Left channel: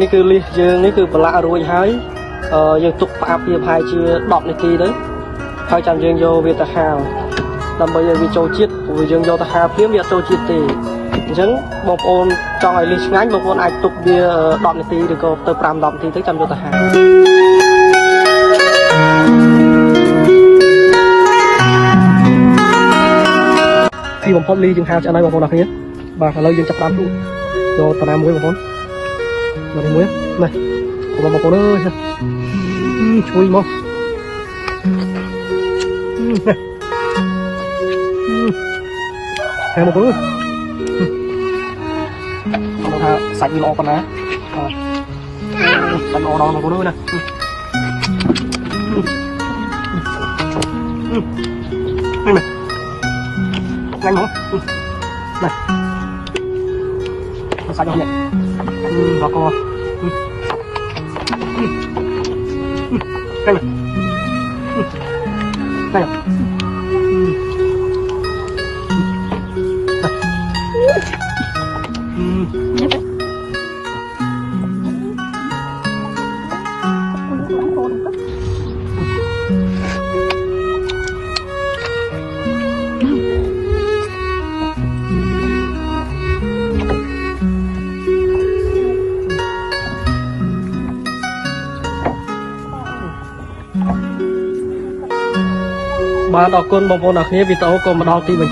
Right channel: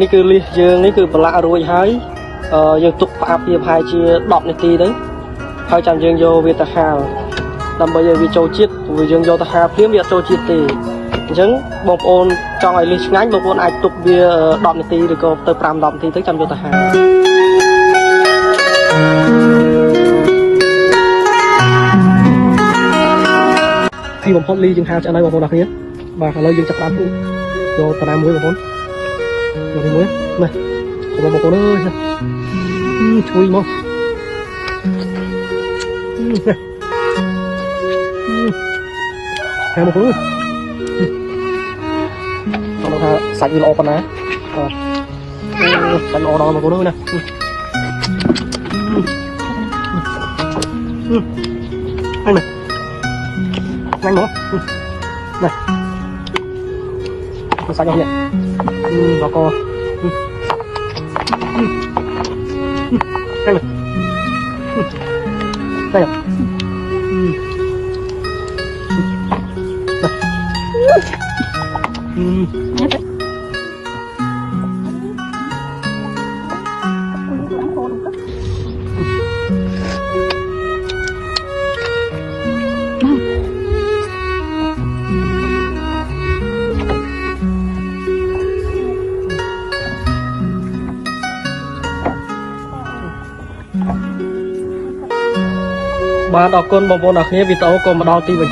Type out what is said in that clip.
នេះគឺលីសយើងនេះគឺប្រឡាក់រួចហើយយើងទុកផ្អាប់វាប្រហែលជា10នាទីទៅហើយចាំយើងយកវាទៅហាលដើម្បីឲ្យវាចូលជាតិព្រោះយើងយកទៅហាលភ្លាមវាអត់ចូលជាតិទេអញ្ចឹងបងប្អូនចង់ឲ្យលីសឆ្ងាញ់បងប្អូនអាចទុកវា10នាទីឬក៏ទៅ5-10នាទីទៅចាំយកទៅហាលពីបំផុតលីយើងហាលឆ្អិនហើយបងប្អូនអរគ្នាបាទឥឡូវយើងចាប់តាមទូយកតាណាមួយបងប្អូនយកនេះមួយនេះបងប្អូនអើយណាជួយមកហែមកបងប្អូនខ្ញុំថាសាច់វាល្អប៉ុណ្ណាសាច់ល្អដល់បងប្អូនណាហ្នឹងណាងាញ់មកណាសាច់របស់នេះដល់កហ្នឹងណាហ្នឹងបាទអរគុណបងប្អូនអរគ្នាវីដេអូក៏មកដល់ទីបញ្ចប់